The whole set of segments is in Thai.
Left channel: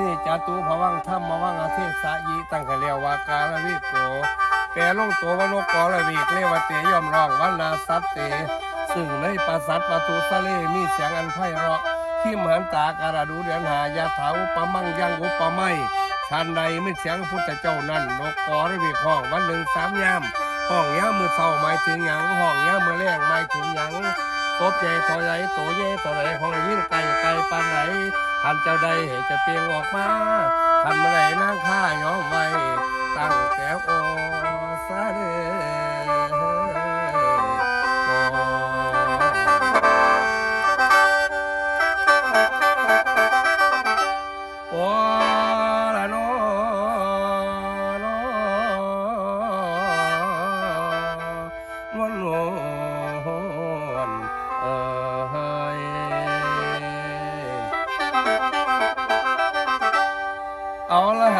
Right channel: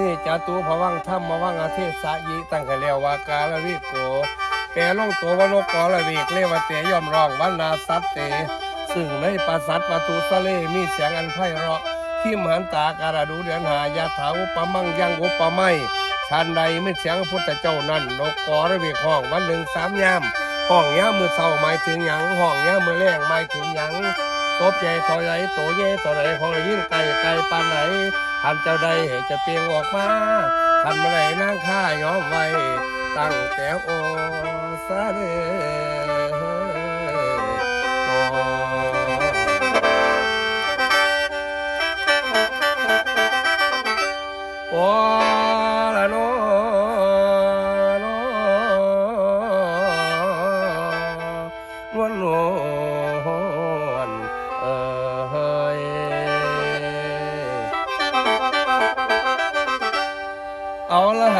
นี่จัตุภวังธรรมาวังอาเทศะยิตั้งให้เรียววากาลวิโกแปลลงตัวว่านกอละวีกเรวเตยอมร้องวันนาสัตเต ซึ่งในปราสัตประตูสะเลมีเสียงอันไพเราะ ที่มหันตาการดูเดือนหายาถาอุปมังยังอุปไมยชันใดไม่เสียงพุทธเจ้านั่นนกกอระวีกห้องวันหนึ่งสามยามห้องย่ามือเศร้าหมายถึงหยังห้องย่ามือแรงหมายถึงหยังตบใหญ่ต่อใหญ่โตใหญ่ต่อไหนของยิ่งไกลไกลปานไหน ทันเจ้าใดเหตุจะเปลียงออกมาทันเมื่อไรนางข้าย้อมไว้ ตั้งแต่โอซาเดโอ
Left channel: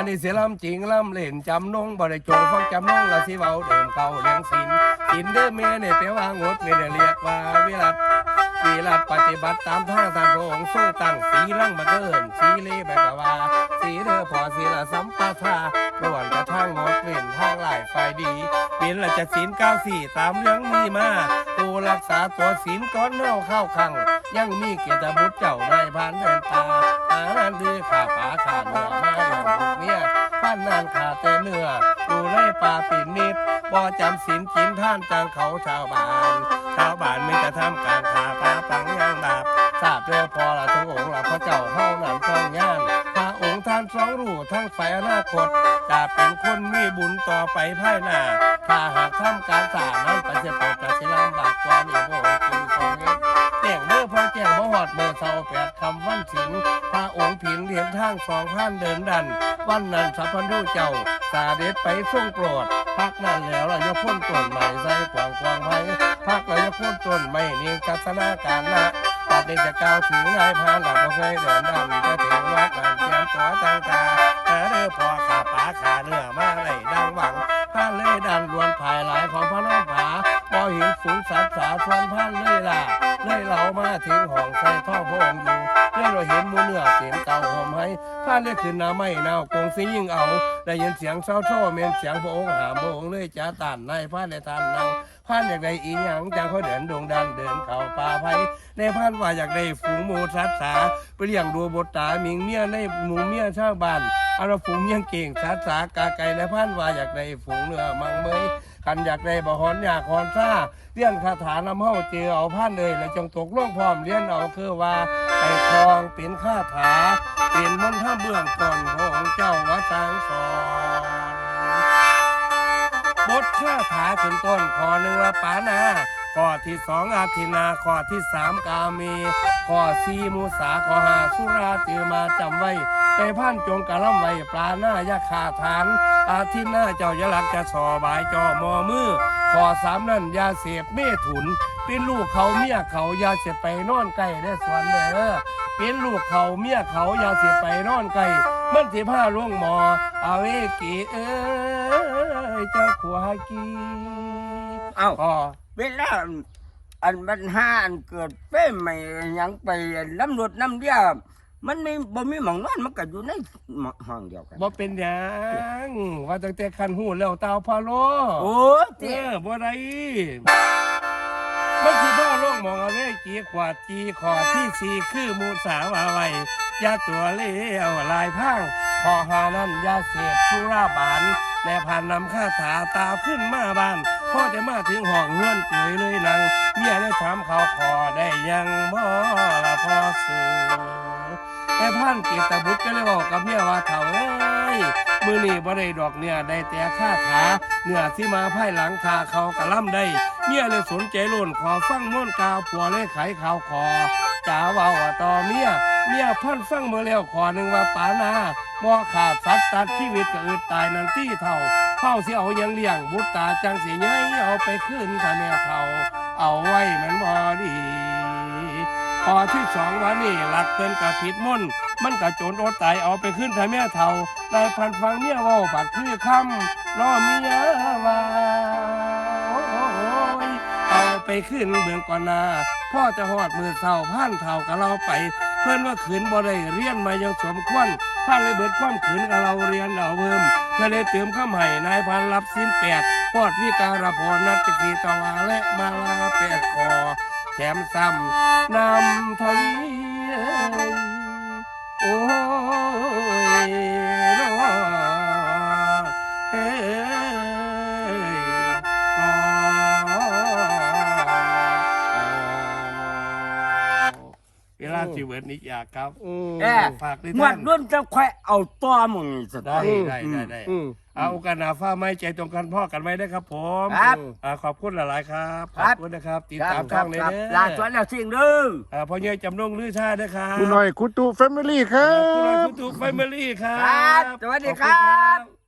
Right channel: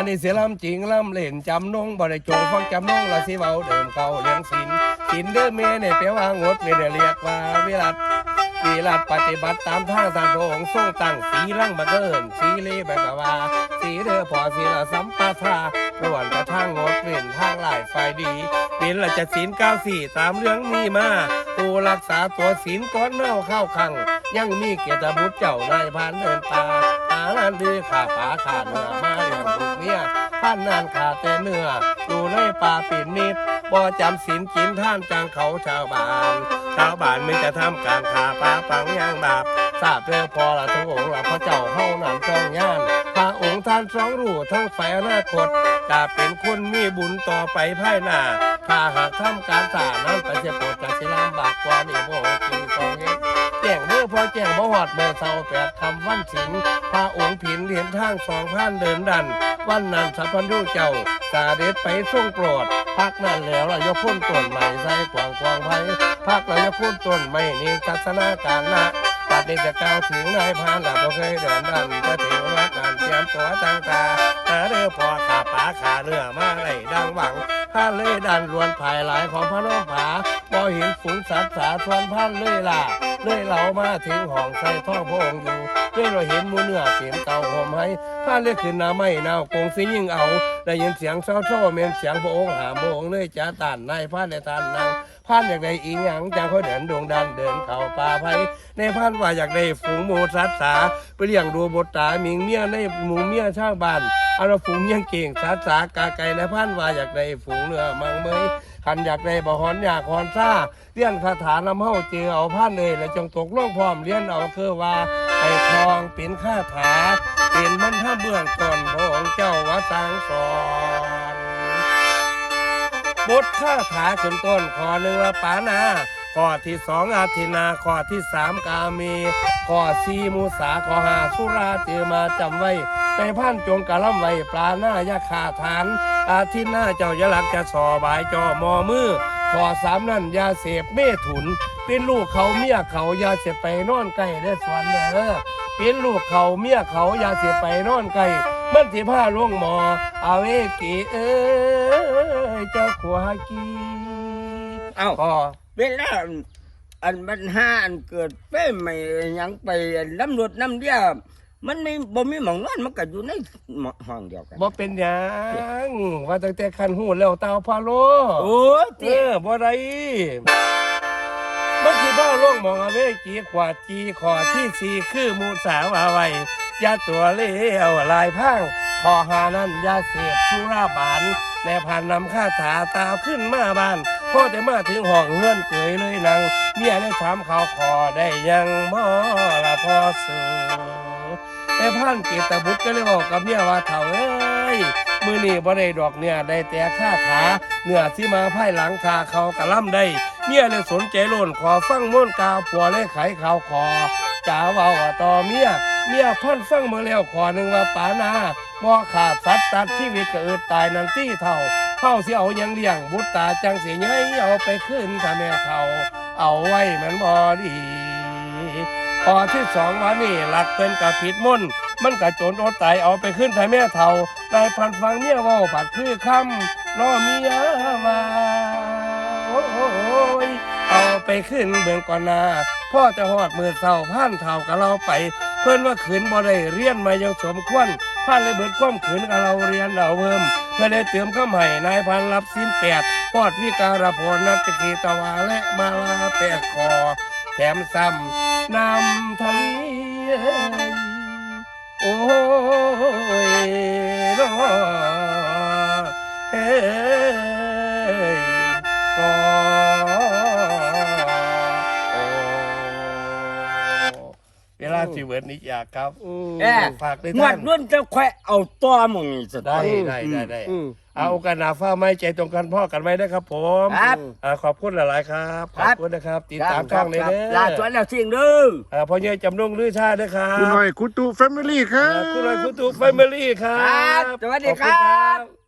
นนี่เสียลำจริงลำเล่นจำนงบ่ได้จงฟังจำนงละสิเว้าเดิมเก่าเลี้ยงศิลศิลเด้อเมเนี่ยแปลว่างดเมเนี่ยเรียกว่าวิรัต วิรัตปฏิบัติตามทางทางพระองค์ทรงตั้งสีลังบังเอิญสีเลแบกว่า สีเด้อพอสีละสัมปทาล้วนกระทั่งงดเว้นทางหลายฝ่ายดีเป็นละจะศีลเก้าสี่ตามเรื่องมีมาผู้รักษาตัวศีลก้อนเน่าเข้าขัง ยังมีเกียรติบุตรเจ้านายพานเดินตาอานันดีขาป่าขาเนื้อมาอย่างลูกเมียท่านนานขาแต่เนื้อดูในป่าปิ่นนิดบ่จำศีลกินท่านจังเขาชาวบ้าน ชาวบ้านไม่จะทำการขาป่าปังย่างบาปทราบเรื่อพอละทั้งองค์ละพระเจ้าเฮานั้นต้องย่านพระองค์ท่านสองรู้ทั้งฝ่ายอนาคตจะเป็นคนมีบุญต่อไปภายหน้าถ้าหากทำการสานั้นไปเสียโปรดจะสิลำบากกว่านี่พระองค์จึงต้องเฮ็ดแจ้งเมื่อพอแจ้งบ่หอดเมื่อเศร้าแปดคำวันสิงพระองค์ผินเห็นทางสองพันเดินดัน วันนั้นสัพพันธุเจ้าสาเด็จไปทรงโปรดพักนั้นแล้วเราจะพ่นต้นใหม่ใส่กวางกวางไผ่พักเราจะพ่นต้นใหม่นี่ทัศนาการละตัดนี้จะกล่าวถึงนายพานหลับบ่เคยเดินดันจะถึงวัดนั้นเตรียมตัวตั้งตาหาเรือพอขาป่าขาเรือมาไรดังหวังข้าเลยดันรวนภายหลายของพระน้องผาบ่เห็นฝูงสัตว์สาทวนพันเลยล่ะเลยเรามาถึงห้องใส่ท่อพระองค์อยู่เลยเราเห็นมูเนื้อเต็มเตาหอมให้ผ้าเลือกขึ้นน้าไม่นาวกงสิยิ่งเอา ได้ยินเสียงเศร้าโซ่เมียนเสียงพระองค์หาพระองเลยจ้าตานในผ้านในทานนางผ่านอยากได้อีหยังจังเขาเดินดวงดันเดินเข้าป่าไผ่ในพันว่าอยากได้ฝูงหมูสัตสาไปเลี้ยงดูบทตามิงเมียในหมูเมียช่าวบ้านเอาละฝูงเมียงเก่งสัตสากาไก่ในพันว่าอยากได้ฝูงเนื้อมังเมยคันอยากได้บ่หอนอยากหอนซ่าเลี้ยนคาถานำเฮาเจอเอาพันเลยแล้วจงตกล่องพร้อมเลี้ยนเอาคือว่าไปคลองเป็นคาถาเป็น มนต์ท่าเบื้องต้นของเจ้าวัดสังสอนบทคาถาขึ้นต้นข้อหนึ่งว่าปานาข้อที่สองอาทินาข้อที่สามกาเมข้อสี่มุสาข้อห้าสุราเจอมาจำไว้ในพันจงกะล่ำไว้ปลาหน้ายาขาฐาน อาทิตย์หน้าเจ้าจะหลักจะสอบายจอมอมือข้อสามนั่นยาเสพเมถุน เป็นลูกเขาเมียเขายาเสพไปนอนใกล้ได้สวนเด้อ เป็นลูกเขาเมียเขาอยาเสพไปนอนใกล้มันสิผ้าล่วงหมอเอาเอกีเอ้ยเจ้าขวากีเอ้าก็เวลาอันอันปัญหาอันเกิดเป้ใหม่หยังไปน้ำรวจน้ำเดียมันไม่บ่มีหมองนอนมันก็อยู่ในห้องเดียวกันบ่เป็นหยังว่าตั้งแต่คันหูแล้วเตาพาโลโอ้ยเอเตี้ยอบ่ได้ มันคือบ้าล่วงมองเอาเวกีขวาดจีขอที่สี่คือมูสาวาไว้ยาตัวเลี้ยวลายพังขอหานั้นยาเสพชุราบานแน่ผ่านนำข้าถาตาขึ้นมาบ้านพ่อแต่มาถึงห้องเงื่อนเกยเลยนังเมียได้ถามเขาขอได้ยังบ่ละพ่อสู่ แต่พันเกตบุตรก็เลยบอกกับเมียว่าเถ่าเอ้ยมือนี่บ่ได้ดอกเนี่ยได้แต่ค่าขาเนื้อที่มาภายหลังคาเขากระล่ำได้เมียเลยสนใจโลนขอฟังม่วนกาวผัวเลยไขข่าวขอจ่าว่าต่อเมียเมียพันฟังมาแล้วขอหนึ่งว่าปานาบ่ขาดสัตว์ตัดชีวิตก็อึดตายนันตี้เท่าเท่าเสิเอายังเลี้ยงบุตรตาจังสิใหญ่เอาไปขึ้นถ้าแม่เท่าเอาไว้แมันบ่ดี พอที่สองวันนี่หลักเป็นกับผิดมนต์มันกะโจนโอตายเอาไปขึ้นถ้าแม่เทาได้พันฟังเมียว่าปัดคือคำล้อเมียว่าโอ้ยเอาไปขึ้นเบืองก่อนหนาพ่อจะหอดมือเศร้าพันเท่ากับเราไป เพื่อนว่าขืนบ่ได้เรียนมายังสมควรผ่านเลยเบิดความขืนกับเราเรียนเราเพิ่มเพื่อได้เติมข้าให้นายพันรับสิ้นแปดปอดวิการพรนัตกีตวาและมาลาแปดคอ แถมซ้ำ สิเวิร์ดนี้อยากครับอืมแอะฝากด้วยงวท่าดนรุ่นจะค่อยเอาตัวมึงนี่สได้ตอได้ได้ได้อืม เอากันหนาฟ้าไม่ใจตรงกันพ่อกันไว้นะครับ ผมครับอ่าขอบคุณหลายๆครับครัขอบ บคุณนะครับ ติดตามคช่รัองเลยครับเด้อลาสวนแล้วสิ่งเด้อ อ่าพ่อใหญ่จำนงลือชาด้วยครับคุณหน่อยคุณตูแฟมิลี่ครัอ่าบ คุณหน่อยคุณตูแฟมิลี่ครัครับบสวัสดีขอณครับ